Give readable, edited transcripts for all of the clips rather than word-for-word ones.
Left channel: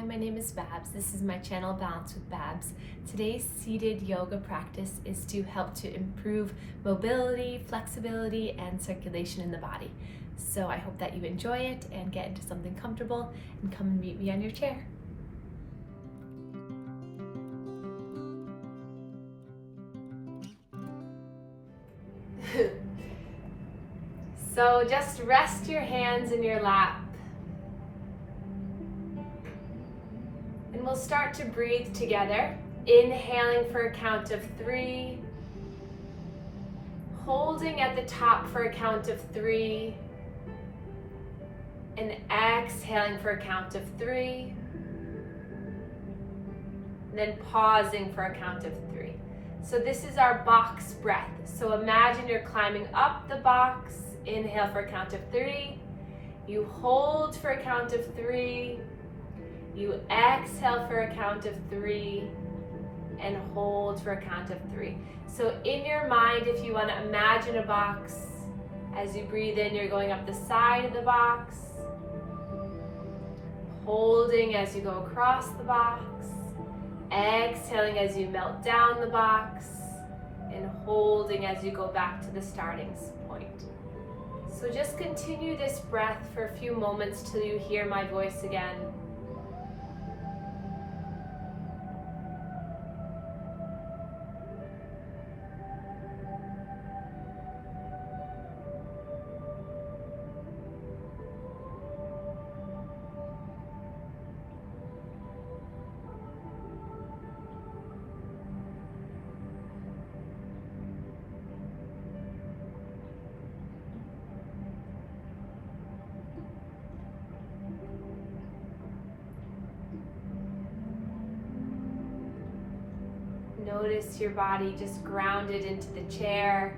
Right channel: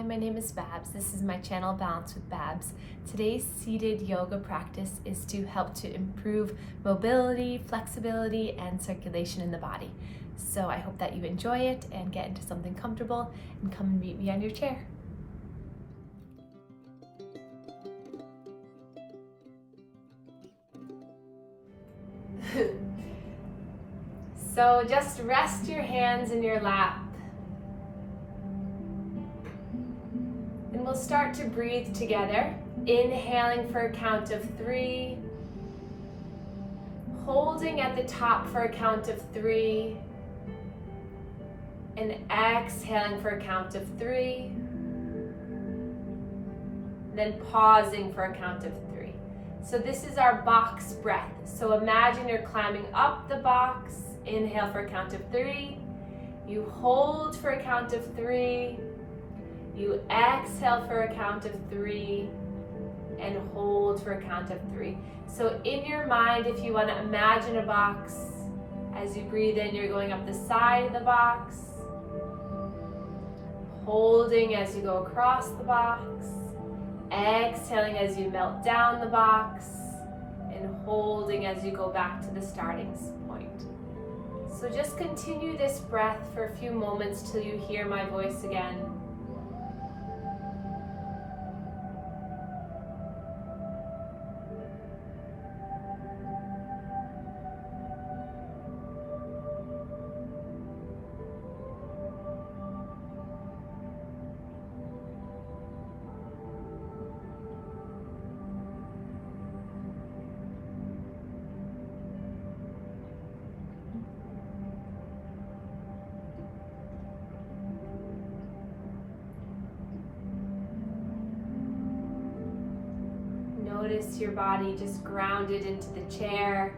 Hi, my name is Babz. This is my channel, Balance with Babz. Today's seated yoga practice is to help to improve mobility, flexibility, and circulation in the body. So I hope that you enjoy it and get into something comfortable and come and meet me on your chair. So just rest your hands in your lap. And we'll start to breathe together, inhaling for a count of 3, holding at the top for a count of 3, and exhaling for a count of 3, and then pausing for a count of 3. So this is our box breath. So imagine you're climbing up the box, inhale for a count of 3, you hold for a count of 3, you exhale for a count of 3 and hold for a count of 3. So in your mind, if you want to imagine a box, as you breathe in, you're going up the side of the box, holding as you go across the box, exhaling as you melt down the box, and holding as you go back to the starting point. So just continue this breath for a few moments till you hear my voice again. Notice your body just grounded into the chair.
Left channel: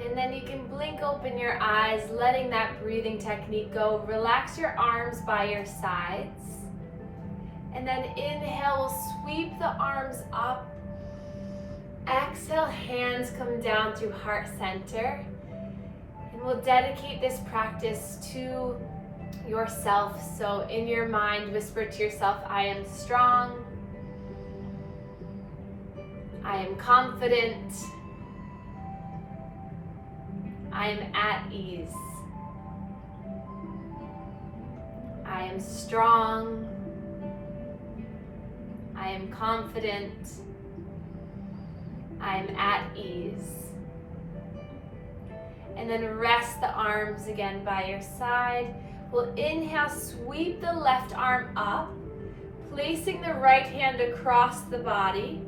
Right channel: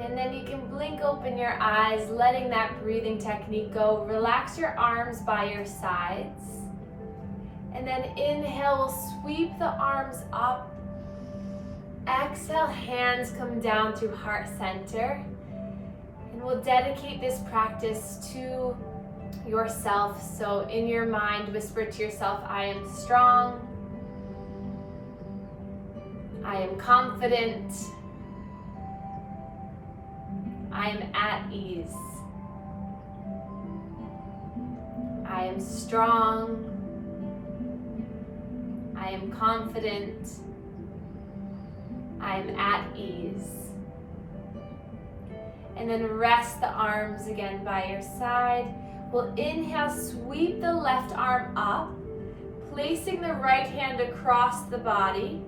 And then you can blink open your eyes, letting that breathing technique go. Relax your arms by your sides. And then inhale, we'll sweep the arms up. Exhale, hands come down through heart center. And we'll dedicate this practice to yourself. So in your mind, whisper to yourself, I am strong. I am confident. I am at ease. I am strong. I am confident. I am at ease. And then rest the arms again by your side. We'll inhale, sweep the left arm up, placing the right hand across the body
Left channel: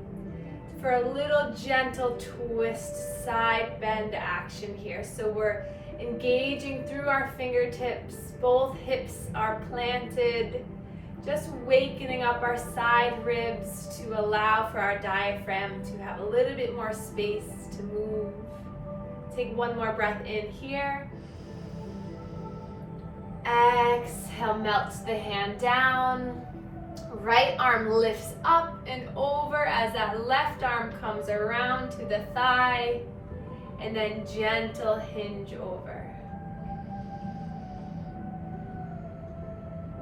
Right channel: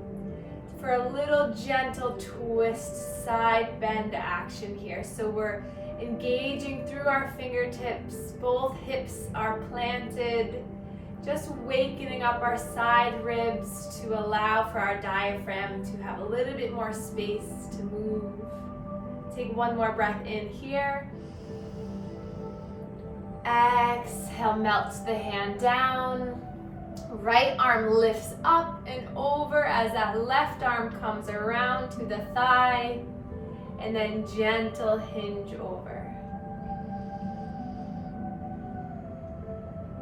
for a little gentle twist, side bend action here. So we're engaging through our fingertips, both hips are planted, just wakening up our side ribs to allow for our diaphragm to have a little bit more space to move. Take one more breath in here. Exhale, melt the hand down. Right arm lifts up and over as that left arm comes around to the thigh, and then gentle hinge over.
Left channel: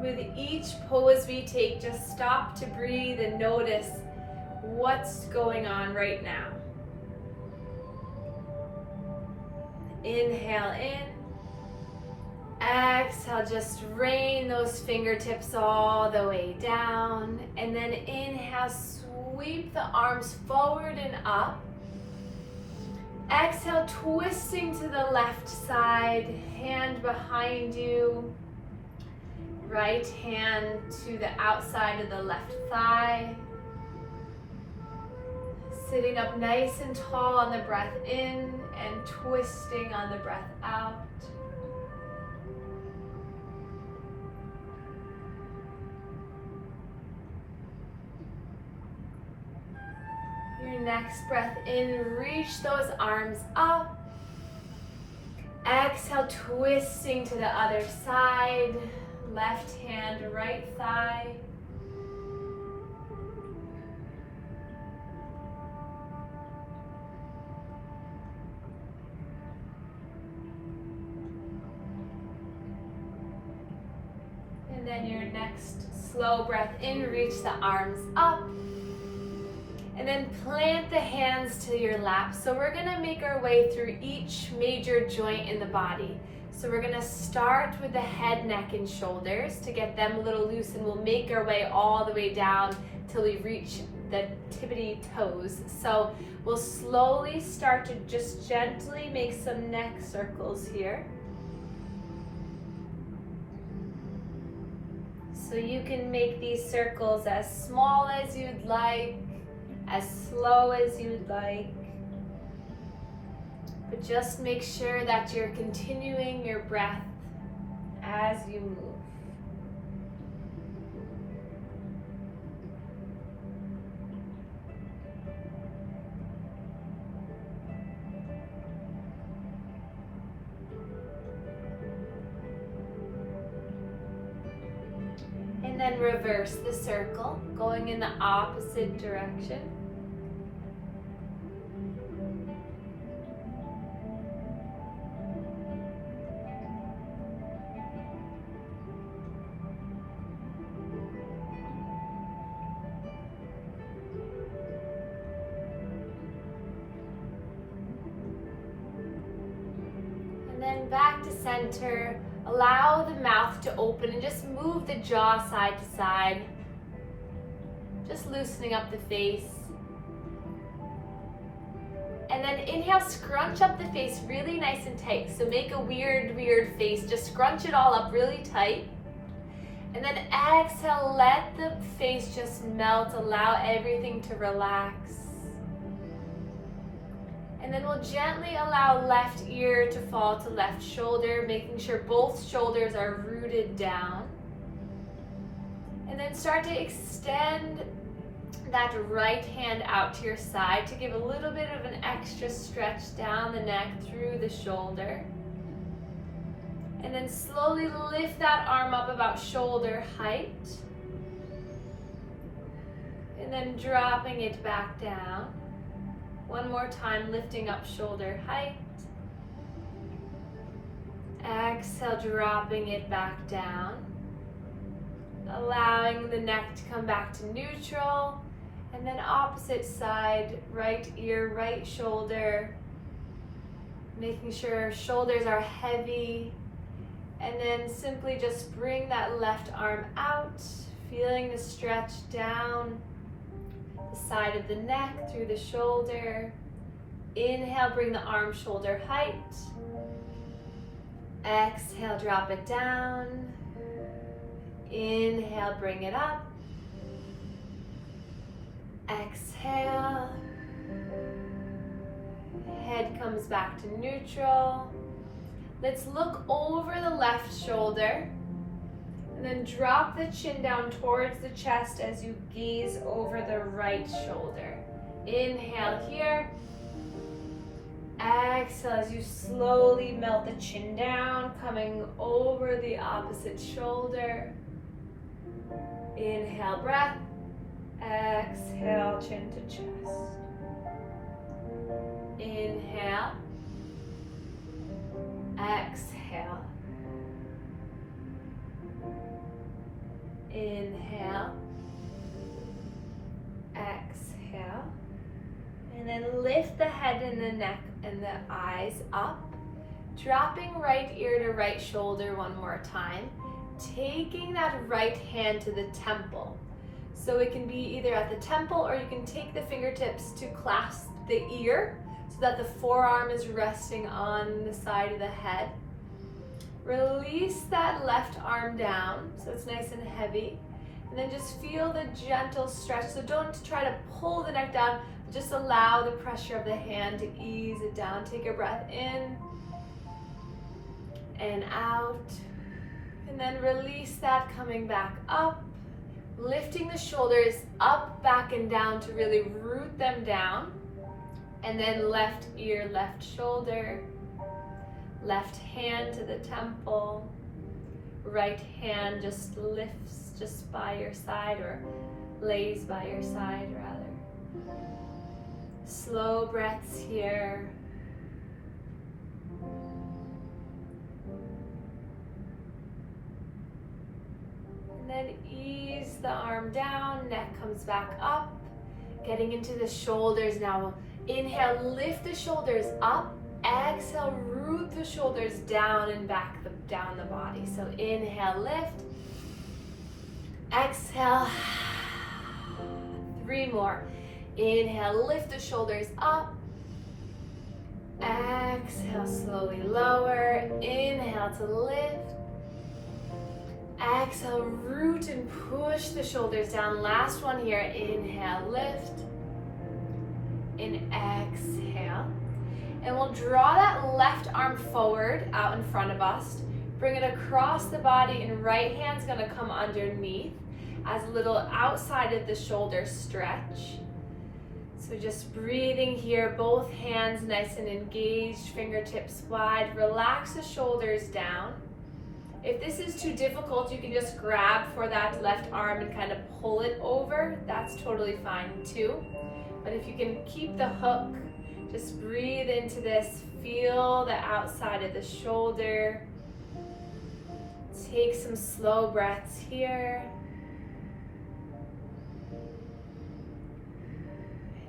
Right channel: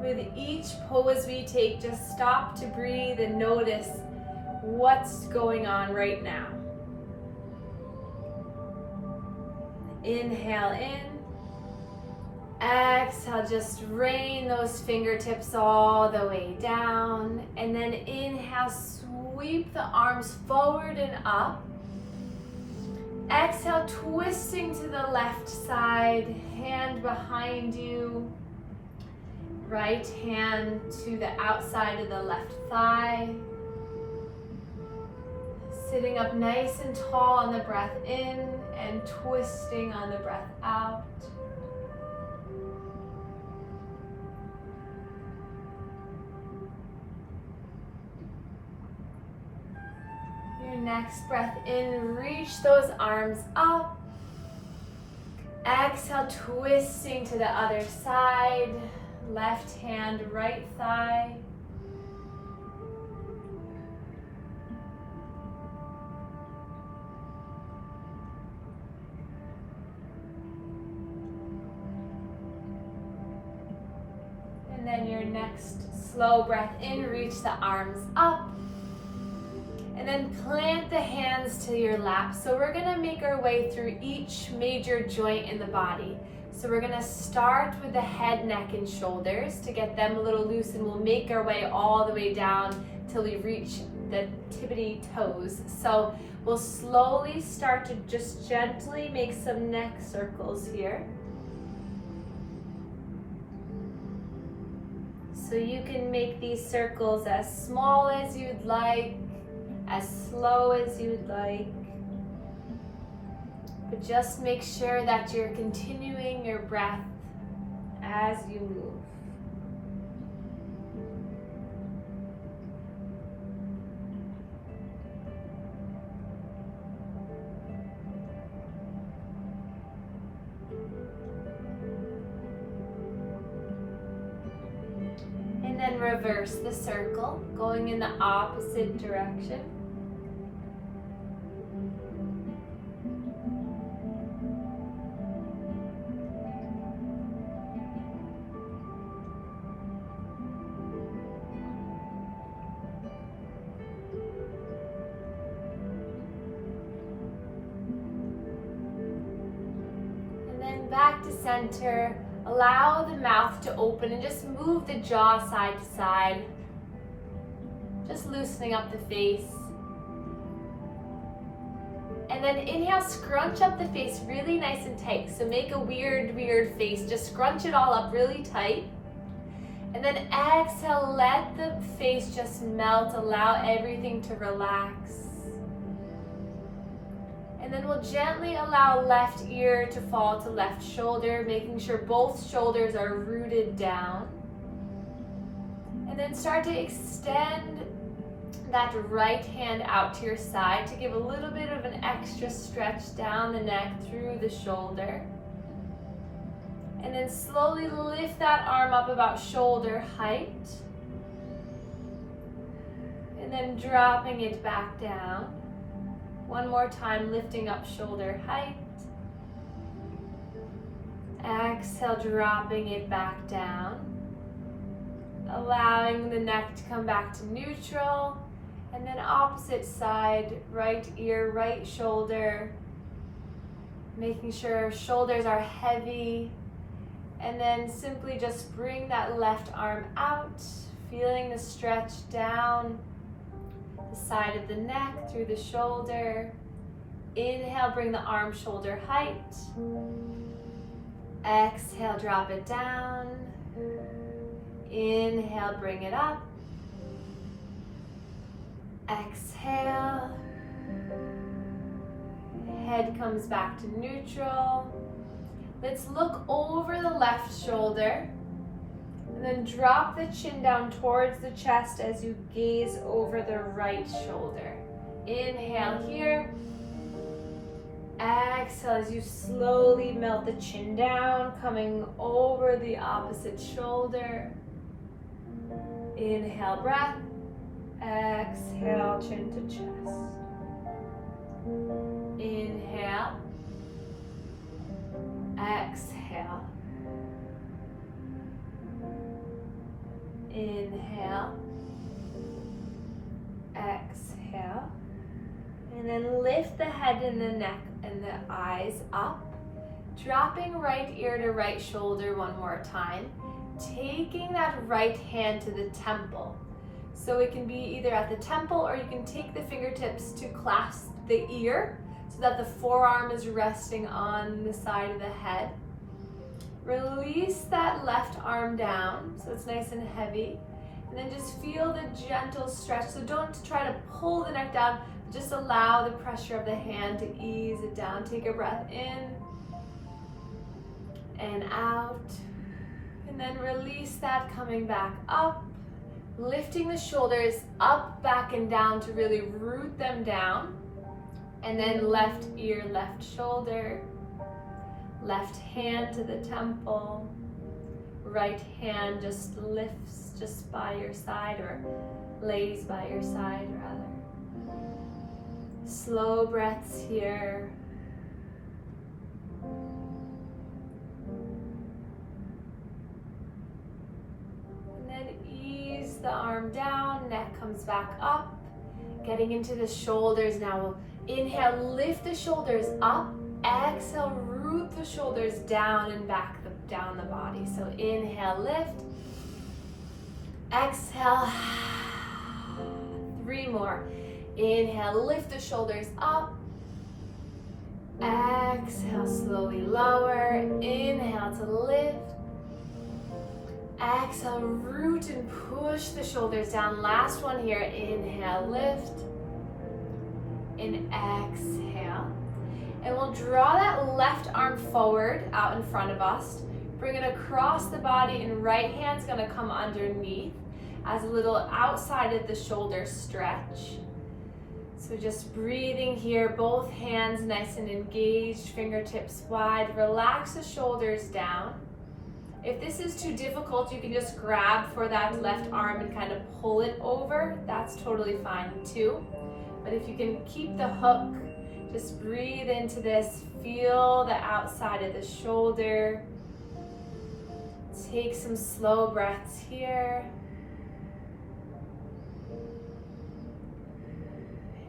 With each pose we take, just stop to breathe and notice what's going on right now. Inhale in. Exhale, just rain those fingertips all the way down. And then inhale, sweep the arms forward and up. Exhale, twisting to the left side, hand behind you. Right hand to the outside of the left thigh. Sitting up nice and tall on the breath in and twisting on the breath out. next breath in, reach those arms up. Exhale, twisting to the other side. Left hand, right thigh. And then your next slow breath in, reach the arms up. And then plant the hands to your lap. So we're gonna make our way through each major joint in the body. So we're gonna start with the head, neck, and shoulders to get them a little loose, and we'll make our way all the way down till we reach the tippity toes. So we'll slowly start to just gently make some neck circles here. So you can make these circles as small as you'd like, as slow as you'd like, but just make sure that you're continuing your breath as you move. And then reverse the circle, going in the opposite direction. And then back to center. Allow the mouth to open and just move the jaw side to side. Just loosening up the face. And then inhale, scrunch up the face really nice and tight. So make a weird face. Just scrunch it all up really tight. And then exhale, let the face just melt. Allow everything to relax. And then we'll gently allow left ear to fall to left shoulder, making sure both shoulders are rooted down. And then start to extend that right hand out to your side to give a little bit of an extra stretch down the neck through the shoulder. And then slowly lift that arm up about shoulder height. And then dropping it back down. One more time, lifting up shoulder height. Exhale, dropping it back down. Allowing the neck to come back to neutral. And then opposite side, right ear, right shoulder. Making sure shoulders are heavy. And then simply just bring that left arm out, feeling the stretch down the side of the neck, through the shoulder. Inhale, bring the arm shoulder height. Exhale, drop it down. Inhale, bring it up. Exhale. Head comes back to neutral. Let's look over the left shoulder. And then drop the chin down towards the chest as you gaze over the right shoulder. Inhale here. Exhale as you slowly melt the chin down, coming over the opposite shoulder. Inhale, breath. Exhale, chin to chest. Inhale. Exhale. Inhale. Exhale. And then lift the head and the neck and the eyes up. Dropping right ear to right shoulder one more time. Taking that right hand to the temple. So it can be either at the temple, or you can take the fingertips to clasp the ear so that the forearm is resting on the side of the head. Release that left arm down so it's nice and heavy. And then just feel the gentle stretch. So don't try to pull the neck down, just allow the pressure of the hand to ease it down. Take a breath in and out. And then release that, coming back up. Lifting the shoulders up, back, and down to really root them down. And then left ear, left shoulder. Left hand to the temple. Right hand just lifts just by your side, or lays by your side rather. Slow breaths here. And then ease the arm down, neck comes back up. Getting into the shoulders now. Inhale, lift the shoulders up. Exhale, root the shoulders down and back down the body. So inhale, lift. Exhale. 3 more. Inhale, lift the shoulders up. Exhale, slowly lower. Inhale to lift. Exhale, root and push the shoulders down. Last one here. Inhale, lift. And exhale. And we'll draw that left arm forward out in front of us. Bring it across the body, and right hand's gonna come underneath as a little outside of the shoulder stretch. So just breathing here, both hands nice and engaged, fingertips wide. Relax the shoulders down. If this is too difficult, you can just grab for that left arm and kind of pull it over. That's totally fine too. But if you can keep the hook, just breathe into this. Feel the outside of the shoulder. Take some slow breaths here.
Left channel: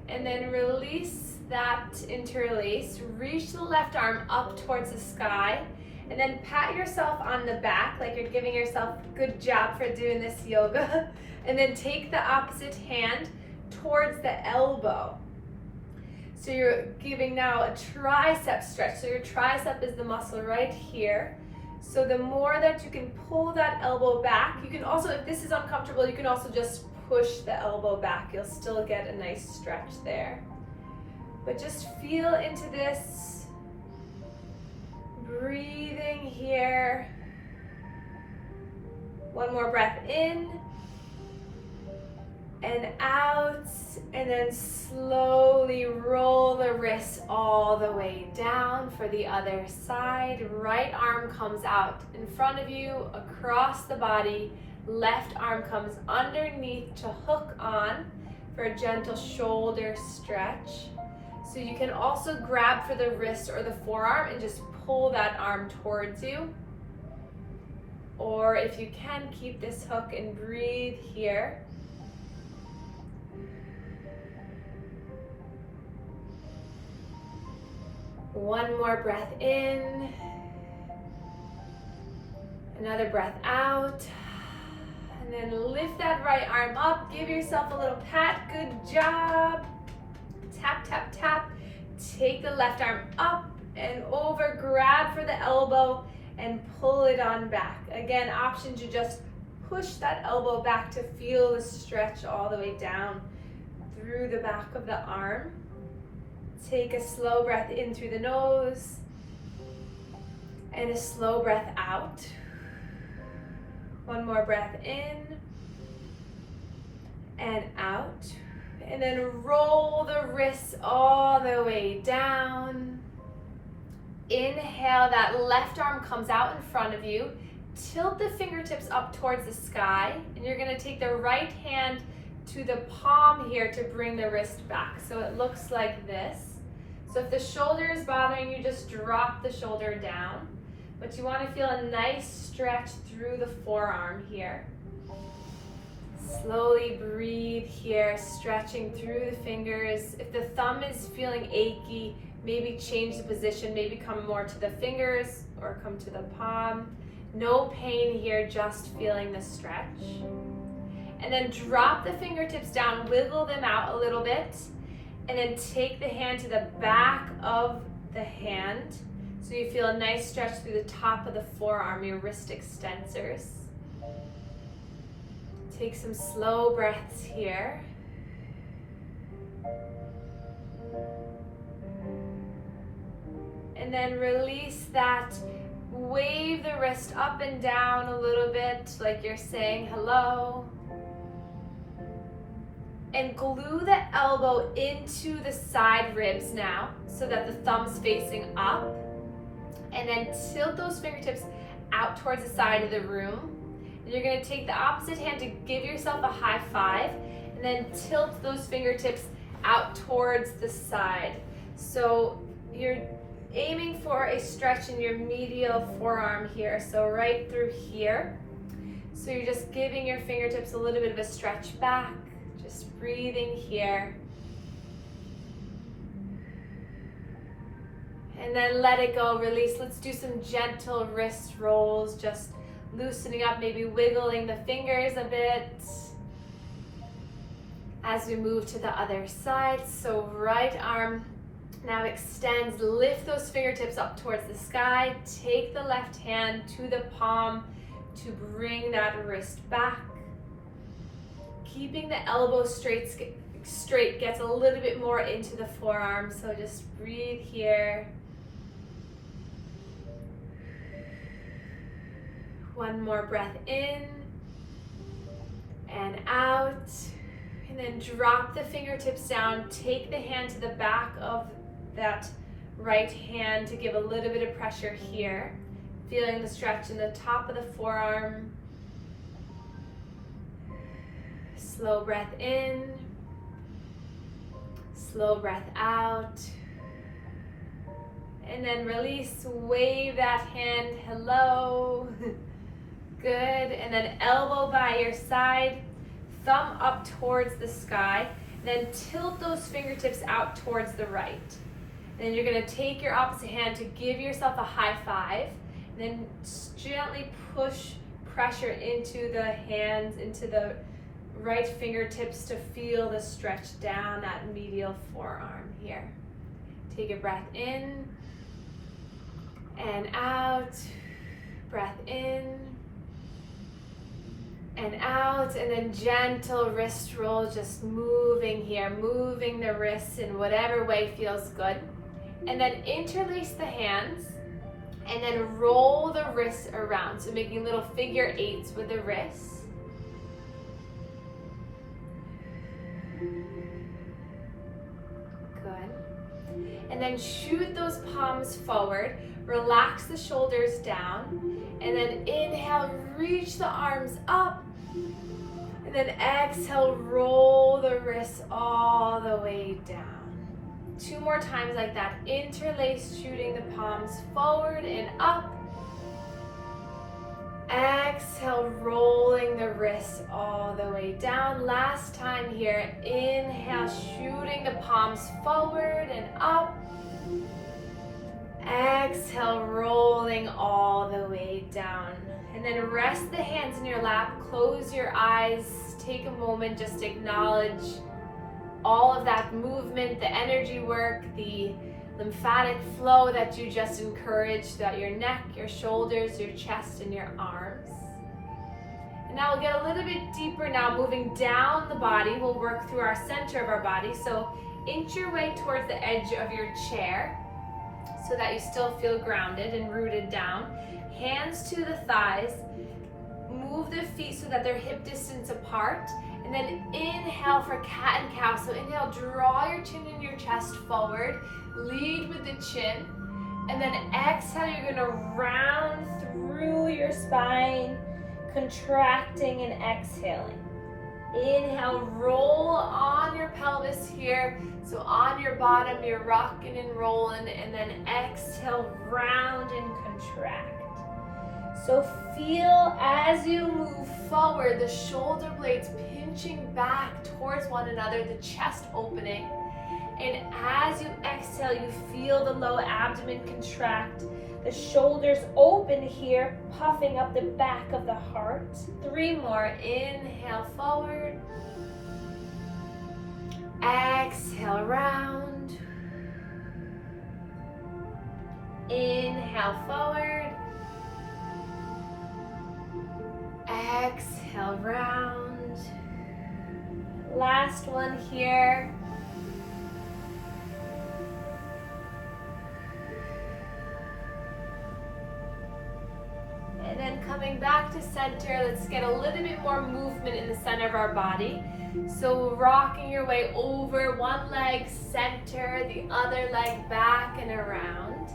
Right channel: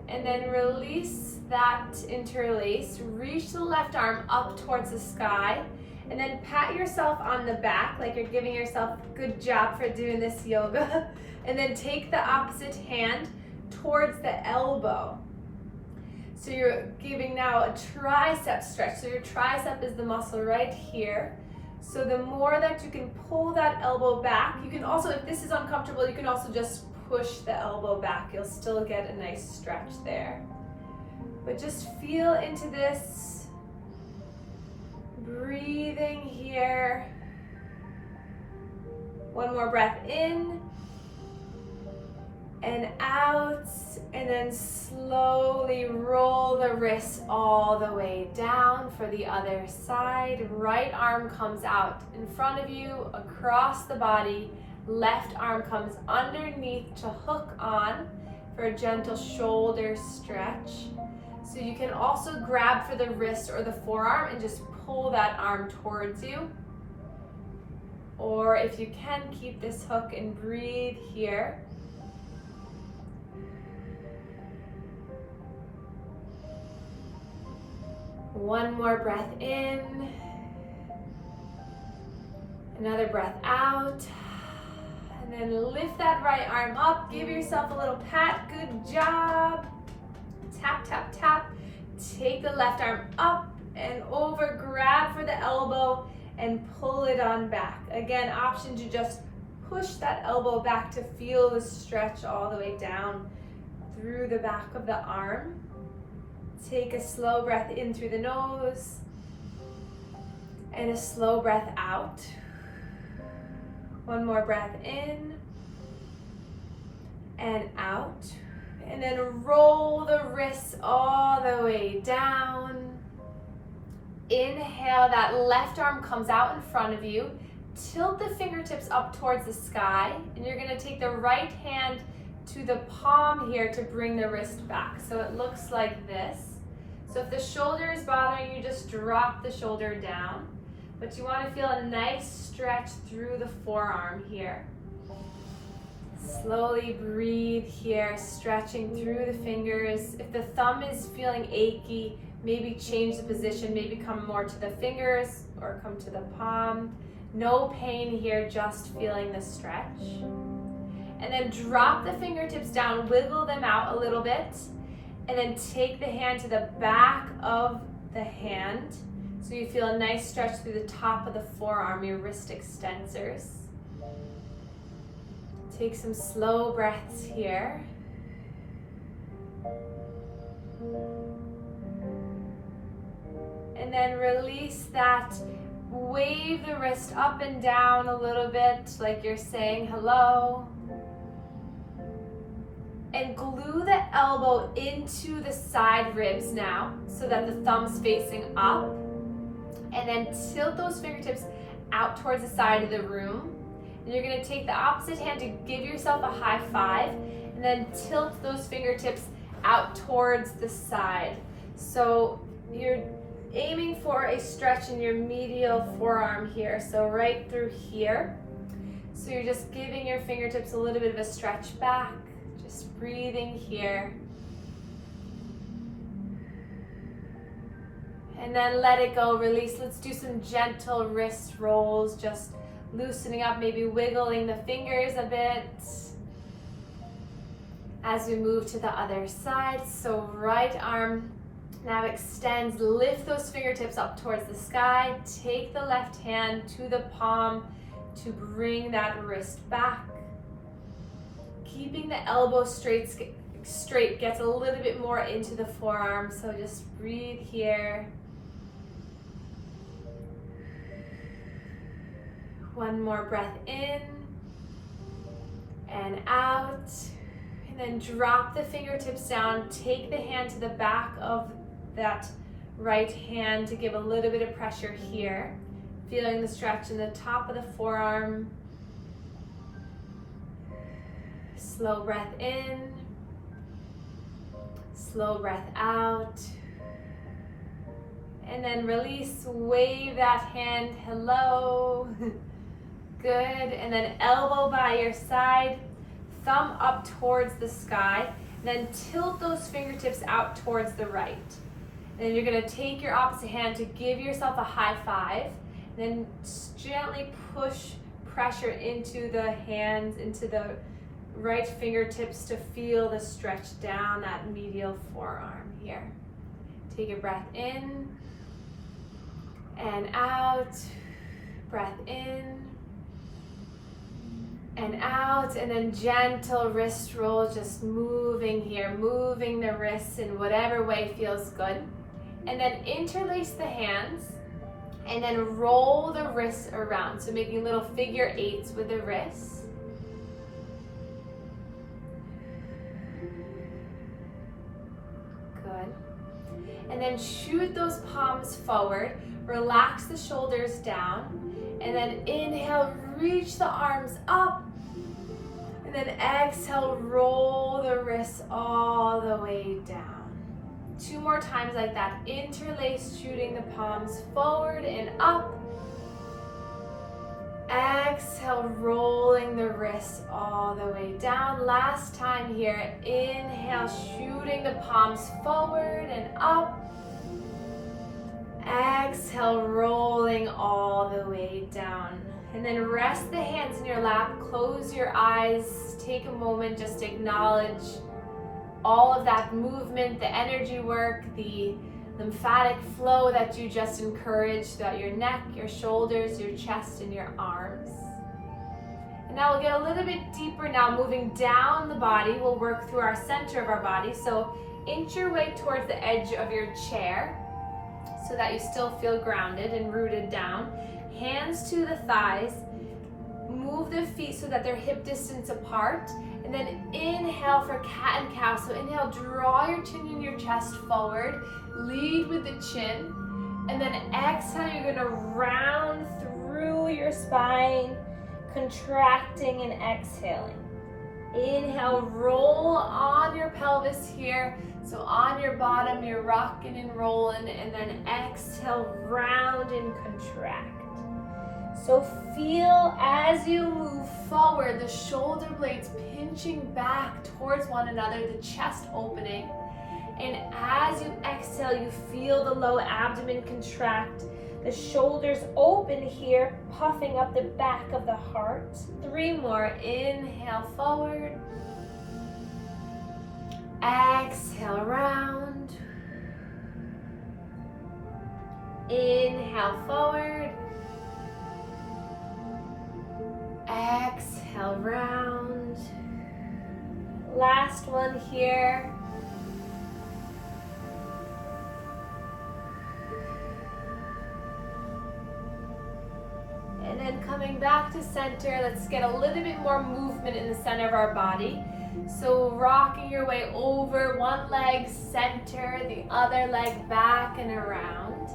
And then release that interlace. Reach the left arm up towards the sky. And then pat yourself on the back like you're giving yourself a good job for doing this yoga. And then take the opposite hand towards the elbow. So you're giving now a tricep stretch. So your tricep is the muscle right here. So the more that you can pull that elbow back, you can also, if this is uncomfortable, you can also just push the elbow back. You'll still get a nice stretch there. But just feel into this. Breathing here. One more breath in and out, and then slowly roll the wrists all the way down for the other side. Right arm comes out in front of you, across the body. Left arm comes underneath to hook on for a gentle shoulder stretch. So you can also grab for the wrist or the forearm and just pull that arm towards you. Or if you can, keep this hook and breathe here. One more breath in. Another breath out. And then lift that right arm up. Give yourself a little pat. Good job. Tap, tap, tap. Take the left arm up and over. Grab for the elbow and pull it on back. Again, option to just push that elbow back to feel the stretch all the way down through the back of the arm. Take a slow breath in through the nose and a slow breath out. One more breath in and out. And then roll the wrists all the way down. Inhale, that left arm comes out in front of you. Tilt the fingertips up towards the sky, and you're gonna take the right hand to the palm here to bring the wrist back. So it looks like this. So if the shoulder is bothering you, just drop the shoulder down. But you wanna feel a nice stretch through the forearm here. Slowly breathe here, stretching through the fingers. If the thumb is feeling achy, maybe change the position, maybe come more to the fingers or come to the palm. No pain here, just feeling the stretch. And then drop the fingertips down, wiggle them out a little bit, and then take the hand to the back of the hand. So you feel a nice stretch through the top of the forearm, your wrist extensors. Take some slow breaths here. And then release that. Wave the wrist up and down a little bit like you're saying hello. And glue the elbow into the side ribs now so that the thumb's facing up. And then tilt those fingertips out towards the side of the room. And you're going to take the opposite hand to give yourself a high five, and then tilt those fingertips out towards the side. So you're aiming for a stretch in your medial forearm here, so right through here. So you're just giving your fingertips a little bit of a stretch back, just breathing here. And then let it go, release. Let's do some gentle wrist rolls, just loosening up, maybe wiggling the fingers a bit as we move to the other side. So right arm now extends, lift those fingertips up towards the sky. Take the left hand to the palm to bring that wrist back. Keeping the elbow straight gets a little bit more into the forearm, so just breathe here. One more breath in and out, and then drop the fingertips down. Take the hand to the back of that right hand to give a little bit of pressure here. Feeling the stretch in the top of the forearm. Slow breath in, slow breath out. And then release, wave that hand, hello. Good, and then elbow by your side, thumb up towards the sky, then tilt those fingertips out towards the right. And then you're gonna take your opposite hand to give yourself a high five, and then gently push pressure into the hands, into the right fingertips to feel the stretch down that medial forearm here. Take a breath in and out, breath in and out, and then gentle wrist roll, just moving here, moving the wrists in whatever way feels good. And then interlace the hands and then roll the wrists around. So making little figure eights with the wrists. Good. And then shoot those palms forward. Relax the shoulders down. And then inhale, reach the arms up. And then exhale, roll the wrists all the way down. 2 more times like that. Interlace, shooting the palms forward and up. Exhale, rolling the wrists all the way down. Last time here. Inhale, shooting the palms forward and up. Exhale, rolling all the way down. And then rest the hands in your lap, close your eyes, take a moment, just acknowledge all of that movement, the energy work, the lymphatic flow that you just encouraged throughout your neck, your shoulders, your chest, and your arms. And now we'll get a little bit deeper now, moving down the body. We'll work through our center of our body. So inch your way towards the edge of your chair so that you still feel grounded and rooted down. Hands to the thighs. Move the feet so that they're hip distance apart. And then inhale for cat and cow. So inhale, draw your chin and your chest forward. Lead with the chin. And then exhale, you're gonna round through your spine, contracting and exhaling. Inhale, roll on your pelvis here. So on your bottom, you're rocking and rolling. And then exhale, round and contract. So feel as you move forward, the shoulder blades pinching back towards one another, the chest opening. And as you exhale, you feel the low abdomen contract, the shoulders open here, puffing up the back of the heart. 3 more. Inhale forward. Exhale round. Inhale forward. Exhale round. Last one here. And then coming back to center, let's get a little bit more movement in the center of our body. So rocking your way over, one leg center, the other leg back and around.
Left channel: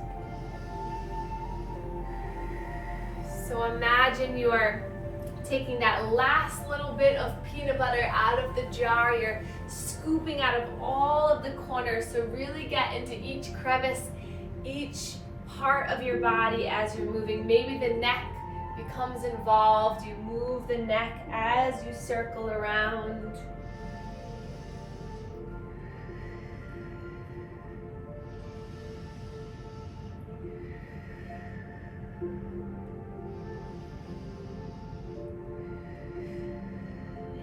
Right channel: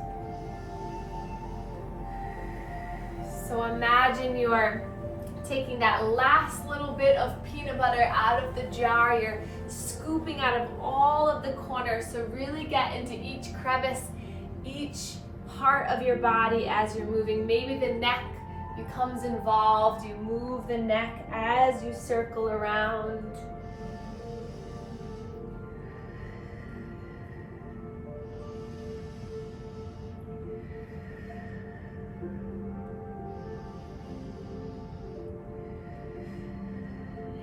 So imagine you are taking that last little bit of peanut butter out of the jar. You're scooping out of all of the corners. So really get into each crevice, each part of your body as you're moving. Maybe the neck becomes involved. You move the neck as you circle around.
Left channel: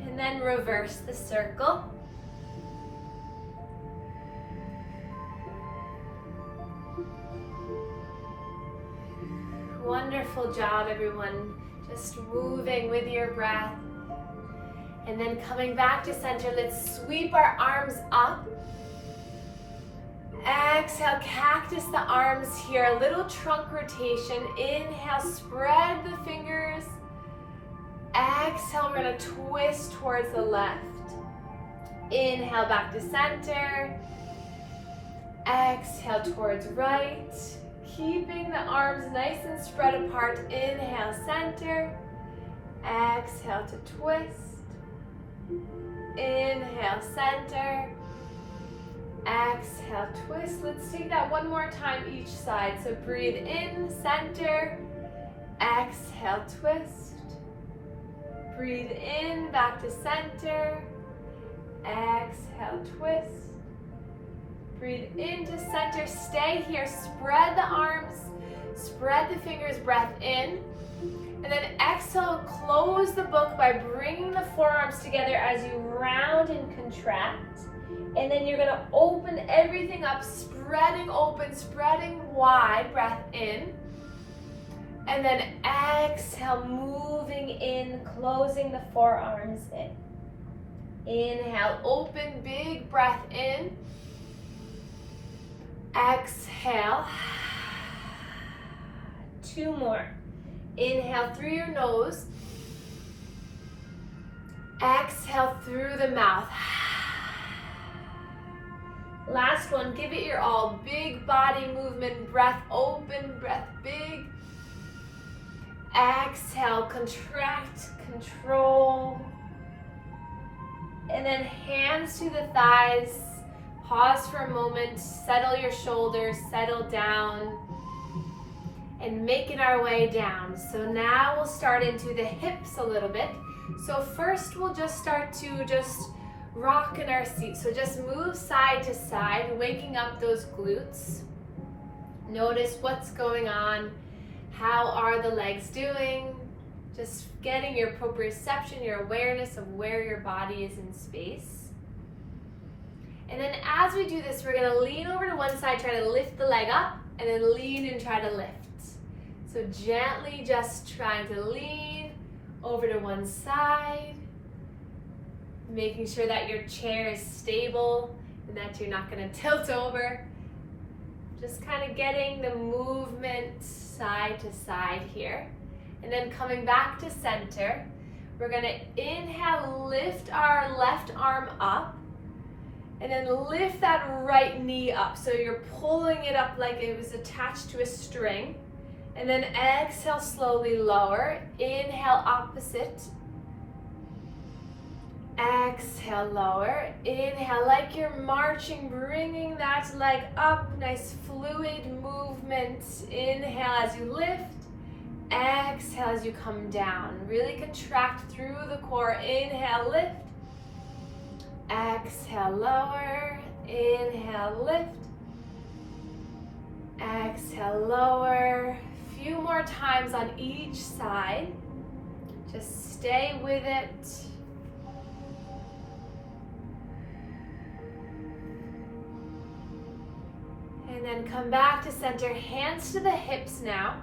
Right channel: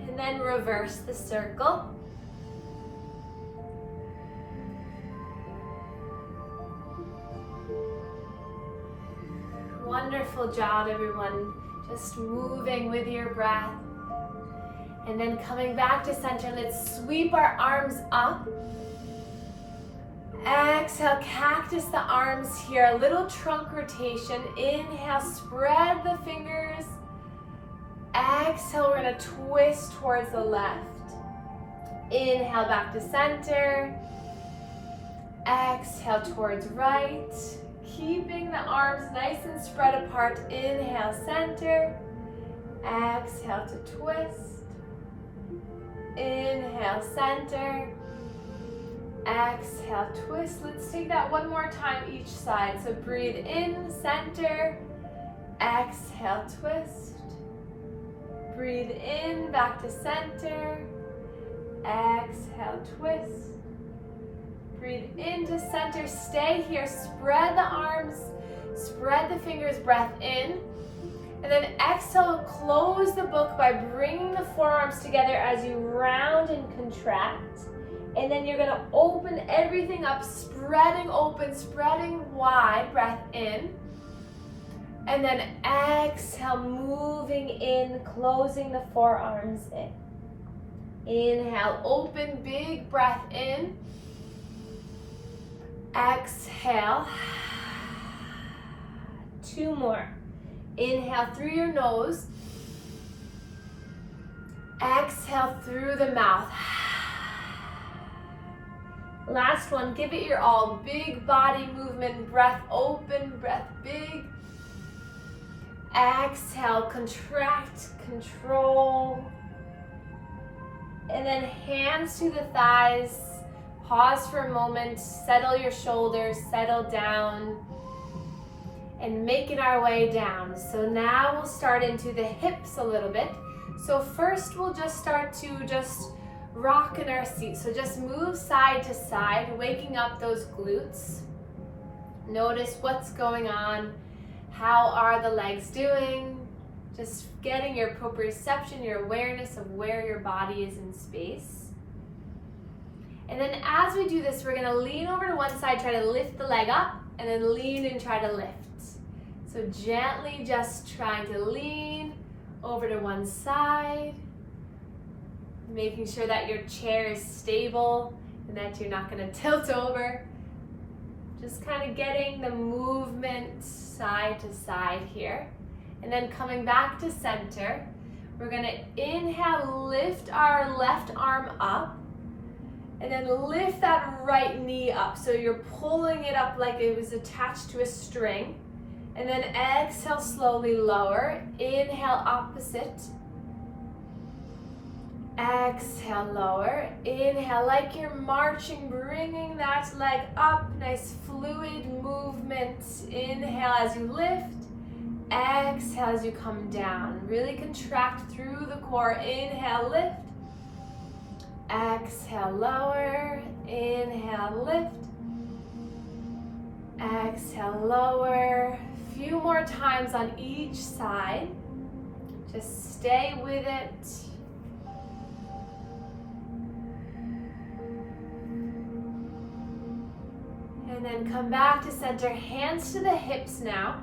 And then reverse the circle. Wonderful job, everyone. Just moving with your breath. And then coming back to center, let's sweep our arms up. Exhale, cactus the arms here, a little trunk rotation. Inhale, spread the fingers. Exhale, we're gonna twist towards the left. Inhale, back to center. Exhale, towards right. Keeping the arms nice and spread apart. Inhale, center. Exhale to twist. Inhale, center. Exhale, twist. Let's take that one more time each side. So breathe in, center. Exhale, twist. Breathe in, back to center. Exhale, twist. Breathe into center, stay here, spread the arms, spread the fingers, breath in. And then exhale, close the book by bringing the forearms together as you round and contract. And then you're gonna open everything up, spreading open, spreading wide, breath in. And then exhale, moving in, closing the forearms in. Inhale, open, big breath in. Exhale. 2 more. Inhale through your nose. Exhale through the mouth. Last one, give it your all. Big body movement, breath open, breath big. Exhale, contract, control. And then hands to the thighs. Pause for a moment, settle your shoulders, settle down, and making our way down. So now we'll start into the hips a little bit. So first we'll just start to rock in our seat. So just move side to side, waking up those glutes. Notice what's going on. How are the legs doing? Just getting your proprioception, your awareness of where your body is in space. And then as we do this, we're gonna lean over to one side, try to lift the leg up, and then lean and try to lift. So gently just trying to lean over to one side, making sure that your chair is stable and that you're not gonna tilt over. Just kind of getting the movement side to side here. And then coming back to center, we're gonna inhale, lift our left arm up, and then lift that right knee up. So you're pulling it up like it was attached to a string. And then exhale, slowly lower. Inhale, opposite. Exhale, lower. Inhale, like you're marching, bringing that leg up. Nice fluid movement. Inhale as you lift. Exhale as you come down. Really contract through the core. Inhale, lift. Exhale, lower. Inhale, lift. Exhale, lower. Few more times on each side. Just stay with it. And then come back to center, hands to the hips now.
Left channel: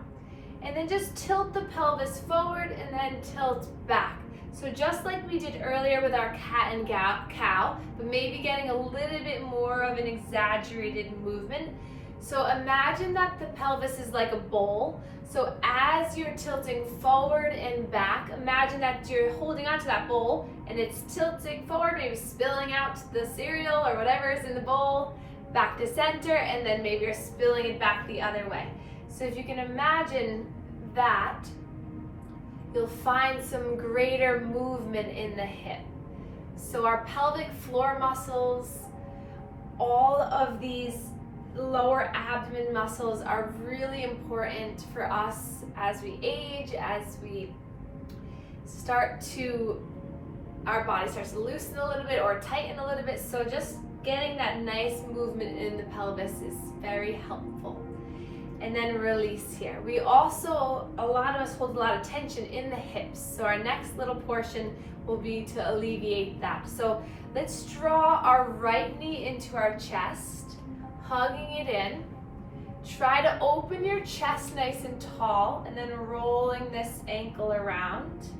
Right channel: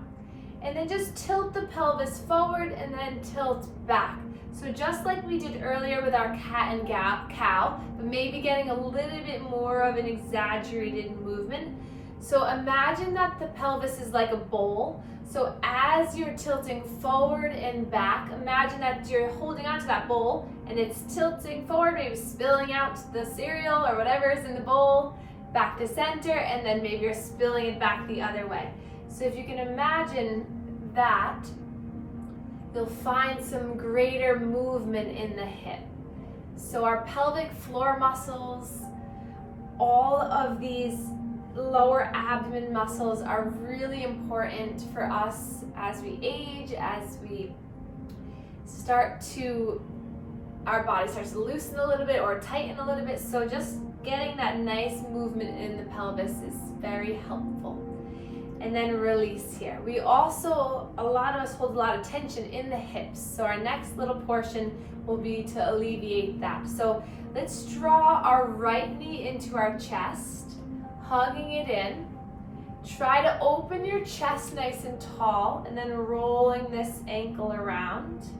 And then just tilt the pelvis forward and then tilt back. So just like we did earlier with our cat and cow, but maybe getting a little bit more of an exaggerated movement. So imagine that the pelvis is like a bowl. So as you're tilting forward and back, imagine that you're holding onto that bowl and it's tilting forward, maybe spilling out the cereal or whatever is in the bowl, back to center, and then maybe you're spilling it back the other way. So if you can imagine that, you'll find some greater movement in the hip. So our pelvic floor muscles, all of these lower abdomen muscles are really important for us as we age, as we our body starts to loosen a little bit or tighten a little bit. So just getting that nice movement in the pelvis is very helpful. And then release here. We also, a lot of us hold a lot of tension in the hips. So our next little portion will be to alleviate that. So let's draw our right knee into our chest, hugging it in. Try to open your chest nice and tall, and then rolling this ankle around.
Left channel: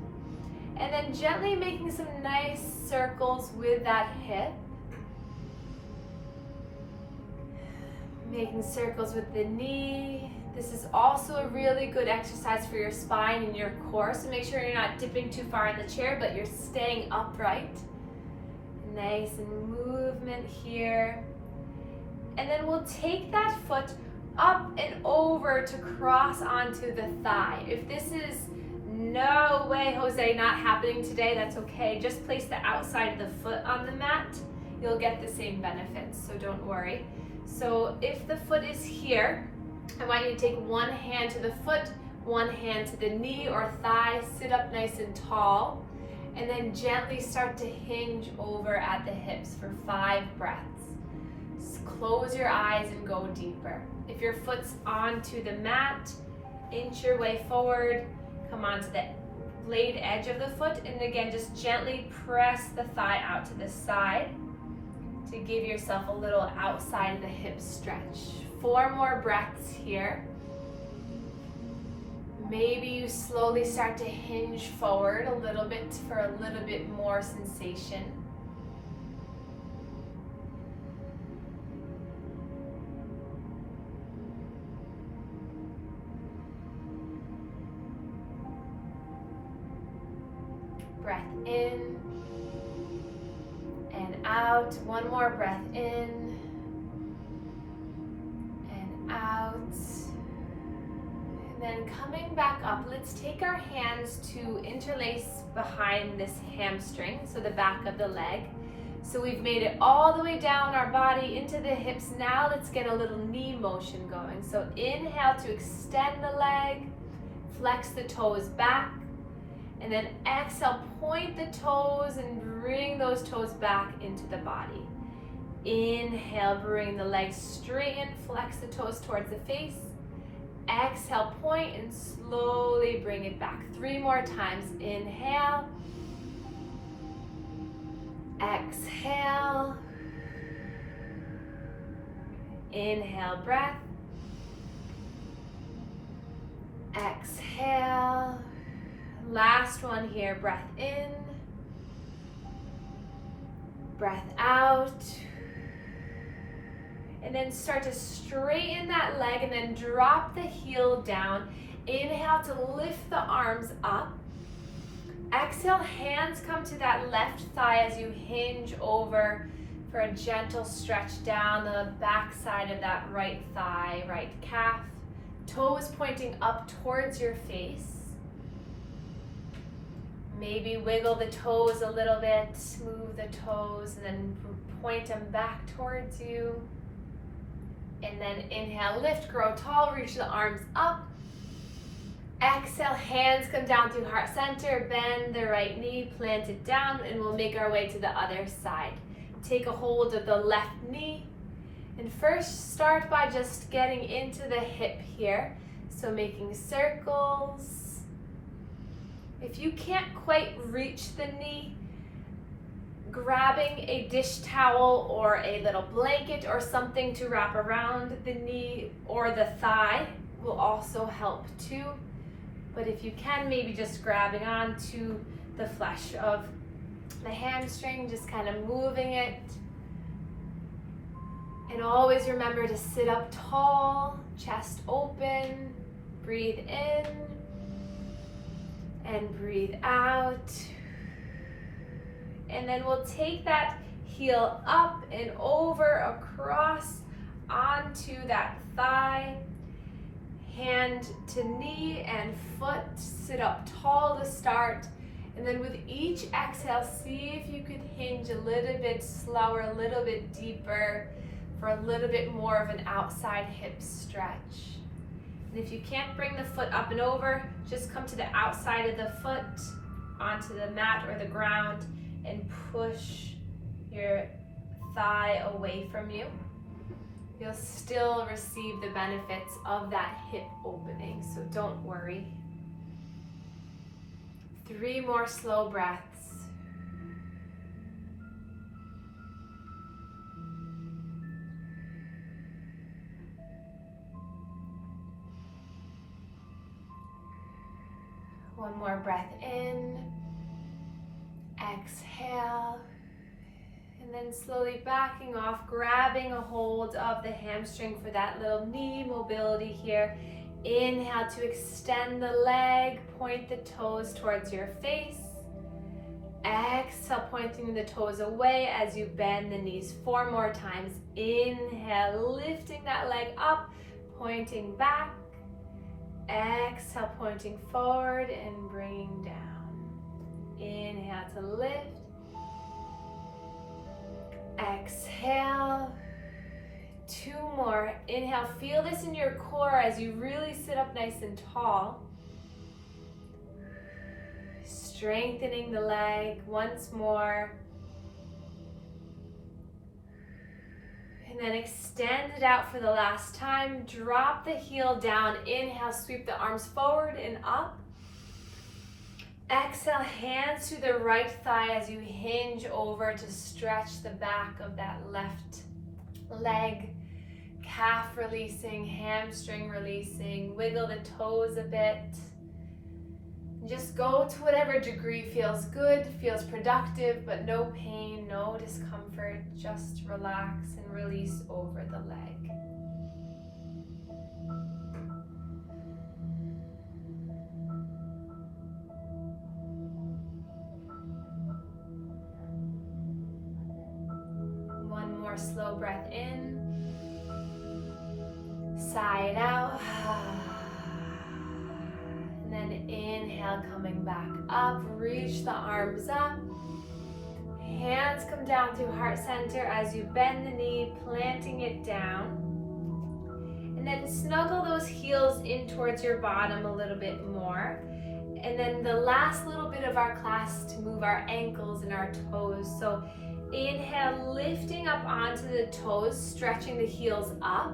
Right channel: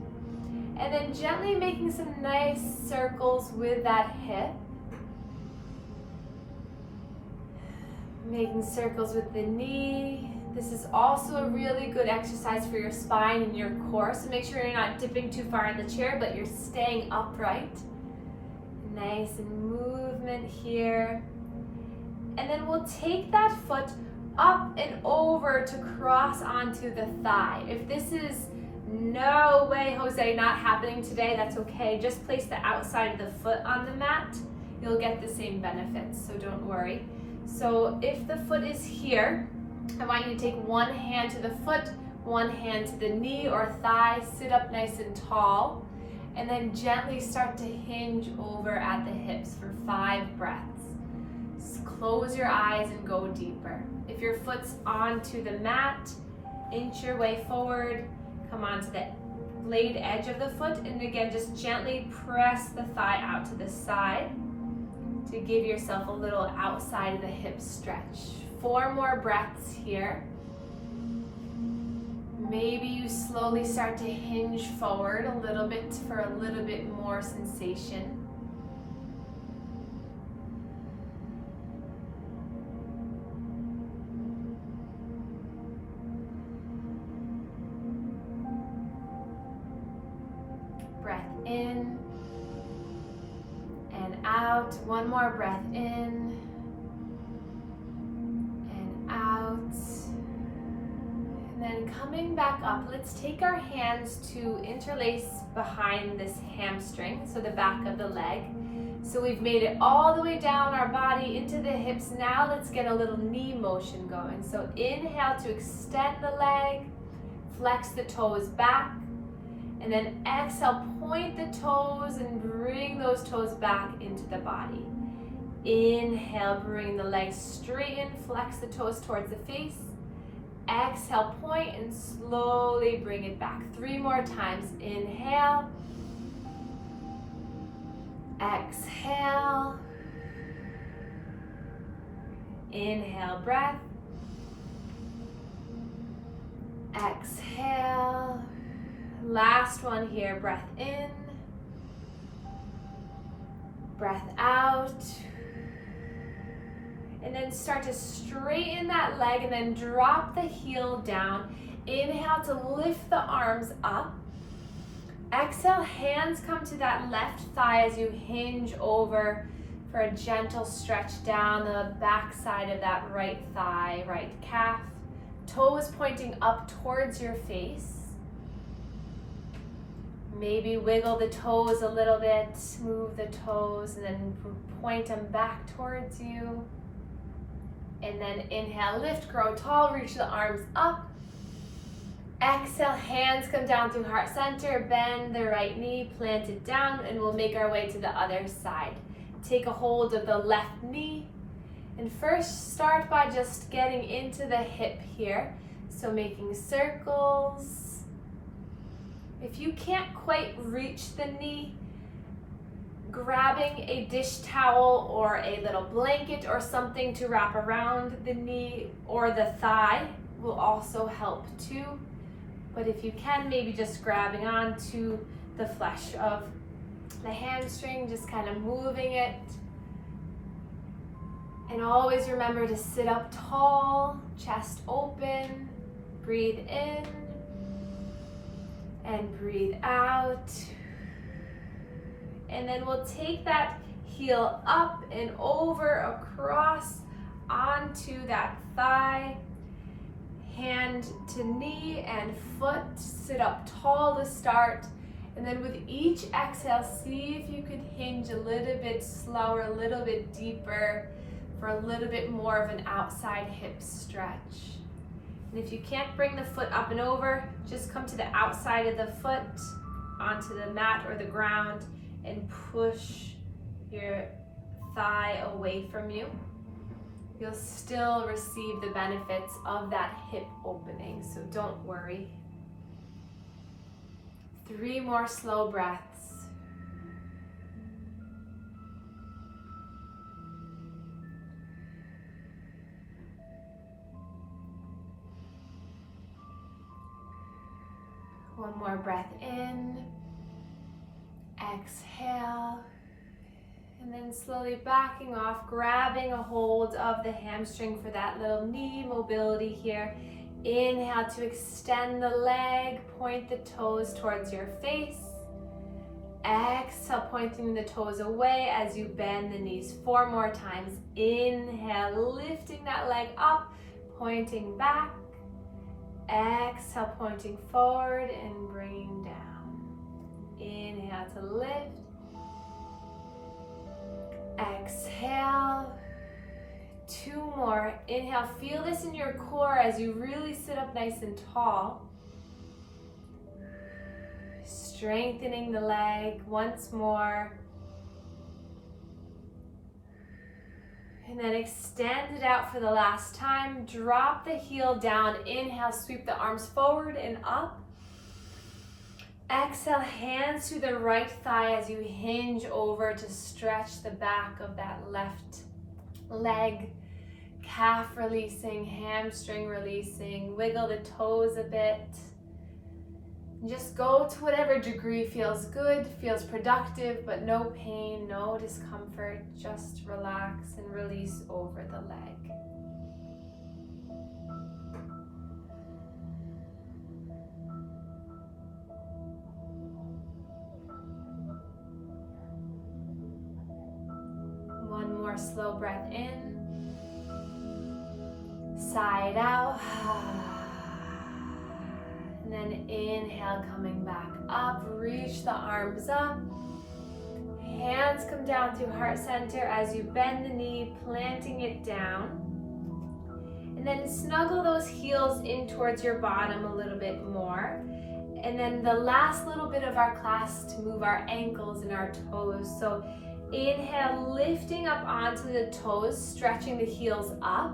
And then gently making some nice circles with that hip. Making circles with the knee. This is also a really good exercise for your spine and your core, so make sure you're not dipping too far in the chair, but you're staying upright. Nice and movement here. And then we'll take that foot up and over to cross onto the thigh. If this is no way, Jose, not happening today, that's okay. Just place the outside of the foot on the mat. You'll get the same benefits, so don't worry. So if the foot is here, I want you to take one hand to the foot, one hand to the knee or thigh, sit up nice and tall, and then gently start to hinge over at the hips for 5 breaths. Just close your eyes and go deeper. If your foot's onto the mat, inch your way forward, come onto the blade edge of the foot, and again, just gently press the thigh out to the side to give yourself a little outside of the hip stretch. 4 more breaths here. Maybe you slowly start to hinge forward a little bit for a little bit more sensation. Breath in and out. 1 more breath in and out. And then coming back up, let's take our hands to interlace behind this hamstring, so the back of the leg. So we've made it all the way down our body into the hips. Now let's get a little knee motion going. So inhale to extend the leg, flex the toes back, and then exhale, point the toes and bring those toes back into the body. Inhale, bring the legs straighten, flex the toes towards the face. Exhale, point and slowly bring it back. 3 more times. Inhale. Exhale. Inhale, breath. Exhale. Last one here, breath in, breath out, and then start to straighten that leg and then drop the heel down. Inhale to lift the arms up. Exhale, hands come to that left thigh as you hinge over for a gentle stretch down the back side of that right thigh, right calf. Toes pointing up towards your face. Maybe wiggle the toes a little bit, move the toes, and then point them back towards you. And then inhale, lift, grow tall, reach the arms up. Exhale, hands come down through heart center, bend the right knee, plant it down, and we'll make our way to the other side. Take a hold of the left knee, and first start by just getting into the hip here. So making circles. If you can't quite reach the knee, grabbing a dish towel or a little blanket or something to wrap around the knee or the thigh will also help too. But if you can, maybe just grabbing onto the flesh of the hamstring, just kind of moving it. And always remember to sit up tall, chest open, breathe in and breathe out. And then we'll take that heel up and over, across, onto that thigh. Hand to knee and foot, sit up tall to start. And then with each exhale, see if you could hinge a little bit slower, a little bit deeper for a little bit more of an outside hip stretch. And if you can't bring the foot up and over, just come to the outside of the foot onto the mat or the ground and push your thigh away from you. You'll still receive the benefits of that hip opening, so don't worry. 3 more slow breaths. One more breath in. Exhale. And then slowly backing off, grabbing a hold of the hamstring for that little knee mobility here. Inhale to extend the leg, point the toes towards your face. Exhale, pointing the toes away as you bend the knees 4 more times. Inhale, lifting that leg up, pointing back. Exhale, pointing forward and bringing down. Inhale to lift. Exhale. 2 more. Inhale, feel this in your core as you really sit up nice and tall. Strengthening the leg once more. And then extend it out for the last time. Drop the heel down. Inhale, sweep the arms forward and up. Exhale, hands to the right thigh as you hinge over to stretch the back of that left leg. Calf releasing, hamstring releasing. Wiggle the toes a bit. Just go to whatever degree feels good, feels productive, but no pain, no discomfort. Just relax and release over the leg. One more slow breath in. Sigh it out. And then inhale, coming back up, reach the arms up. Hands come down to heart center as you bend the knee, planting it down. And then snuggle those heels in towards your bottom a little bit more. And then the last little bit of our class to move our ankles and our toes. So inhale, lifting up onto the toes, stretching the heels up.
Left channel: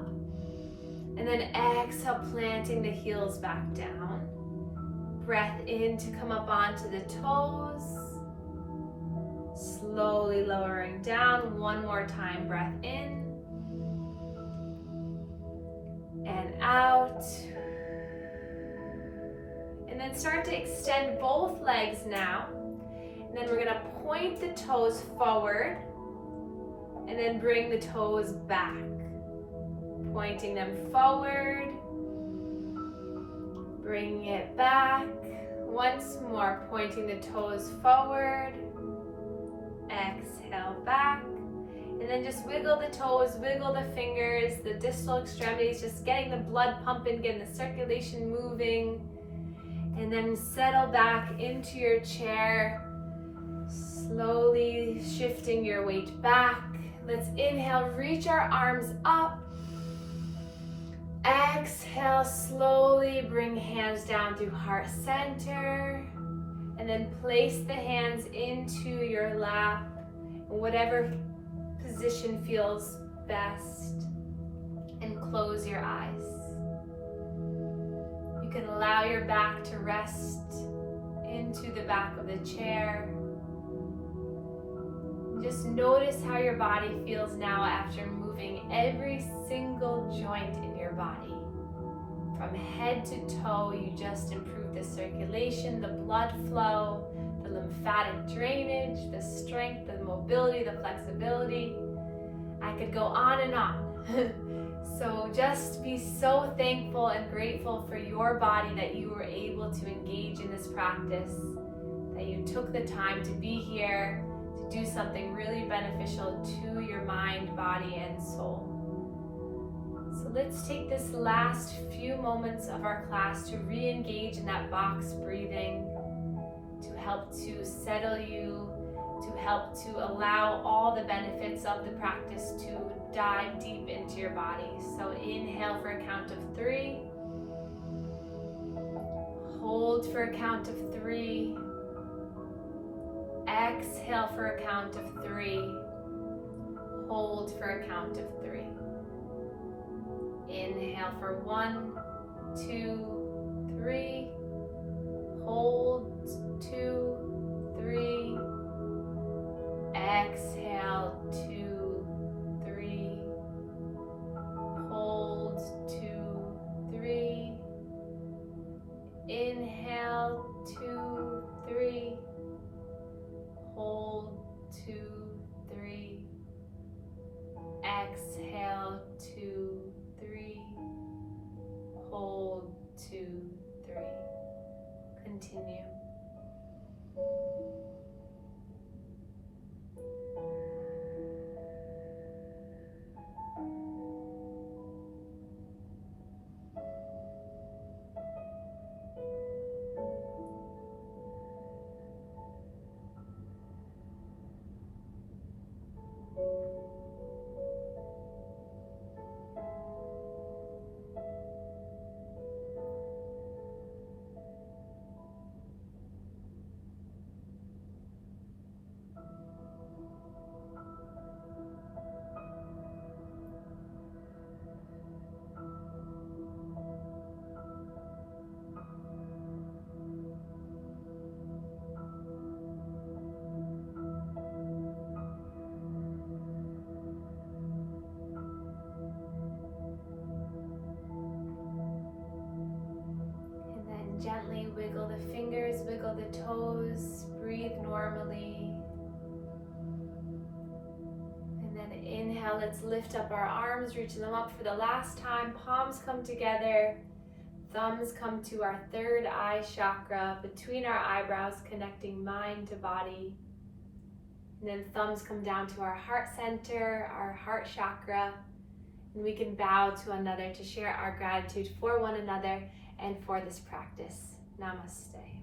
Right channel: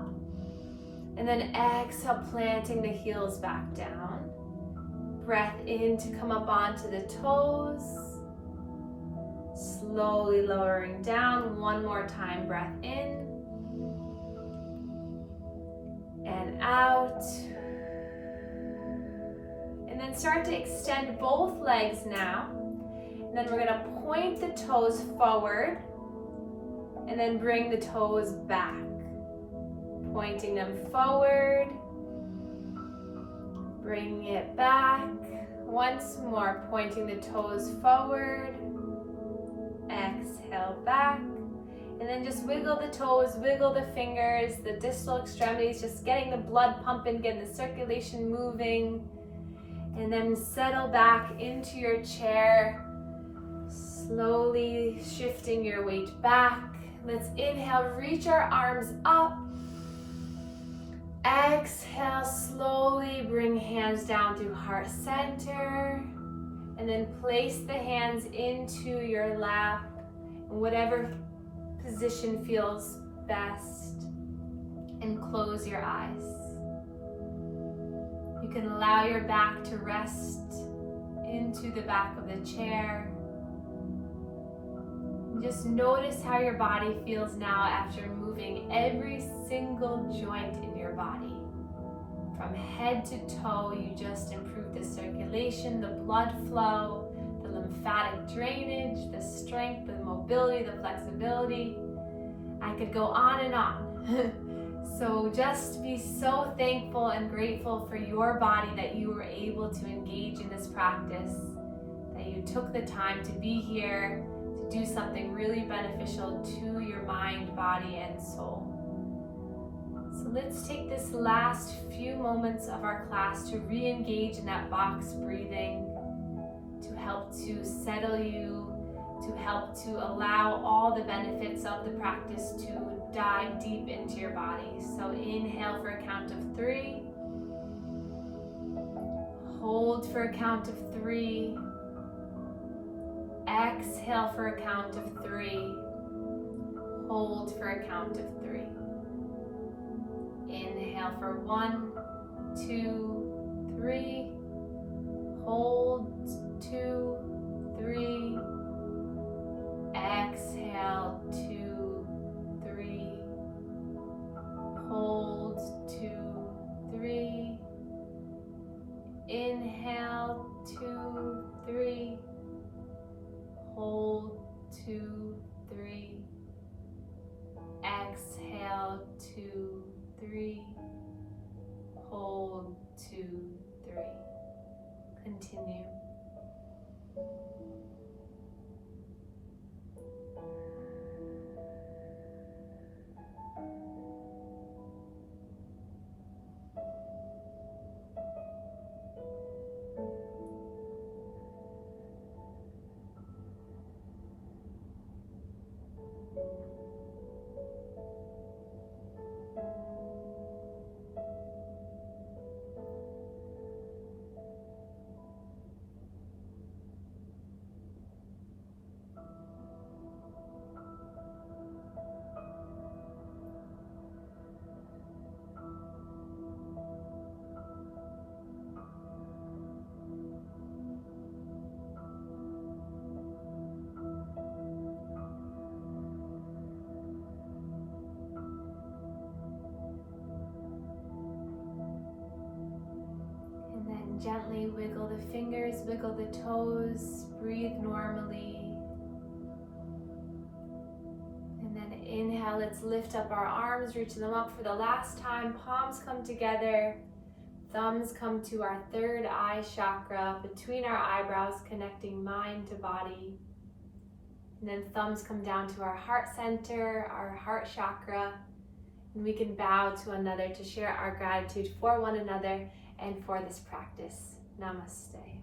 And then exhale, planting the heels back down. Breath in to come up onto the toes. Slowly lowering down. One more time, breath in. And out. And then start to extend both legs now. And then we're gonna point the toes forward. And then bring the toes back. Pointing them forward. Bringing it back. Once more, pointing the toes forward. Exhale back. And then just wiggle the toes, wiggle the fingers, the distal extremities, just getting the blood pumping, getting the circulation moving. And then settle back into your chair. Slowly shifting your weight back. Let's inhale, reach our arms up. Exhale, slowly bring hands down through heart center. And then place the hands into your lap in whatever position feels best. And close your eyes. You can allow your back to rest into the back of the chair. Just notice how your body feels now after moving every single joint in your body. From head to toe, you just improve the circulation, the blood flow, the lymphatic drainage, the strength, the mobility, the flexibility. I could go on and on. So just be so thankful and grateful for your body that you were able to engage in this practice, that you took the time to be here to do something really beneficial to your mind, body, and soul. So let's take this last few moments of our class to re-engage in that box breathing, to help to settle you, to help to allow all the benefits of the practice to dive deep into your body. So inhale for a count of 3. Hold for a count of 3. Exhale for a count of 3. Hold for a count of 3. Inhale for 1, 2, 3. Hold 2, 3. Exhale 2, 3. Hold 2, 3. Inhale 2, 3. Hold 2, 3. Exhale 2, 3. Hold 2, 3. Continue. Gently wiggle the fingers, wiggle the toes, breathe normally. And then inhale, let's lift up our arms, reach them up for the last time. Palms come together, thumbs come to our third eye chakra, between our eyebrows, connecting mind to body. And then thumbs come down to our heart center, our heart chakra. And we can bow to another to share our gratitude for one another and for this practice. Namaste.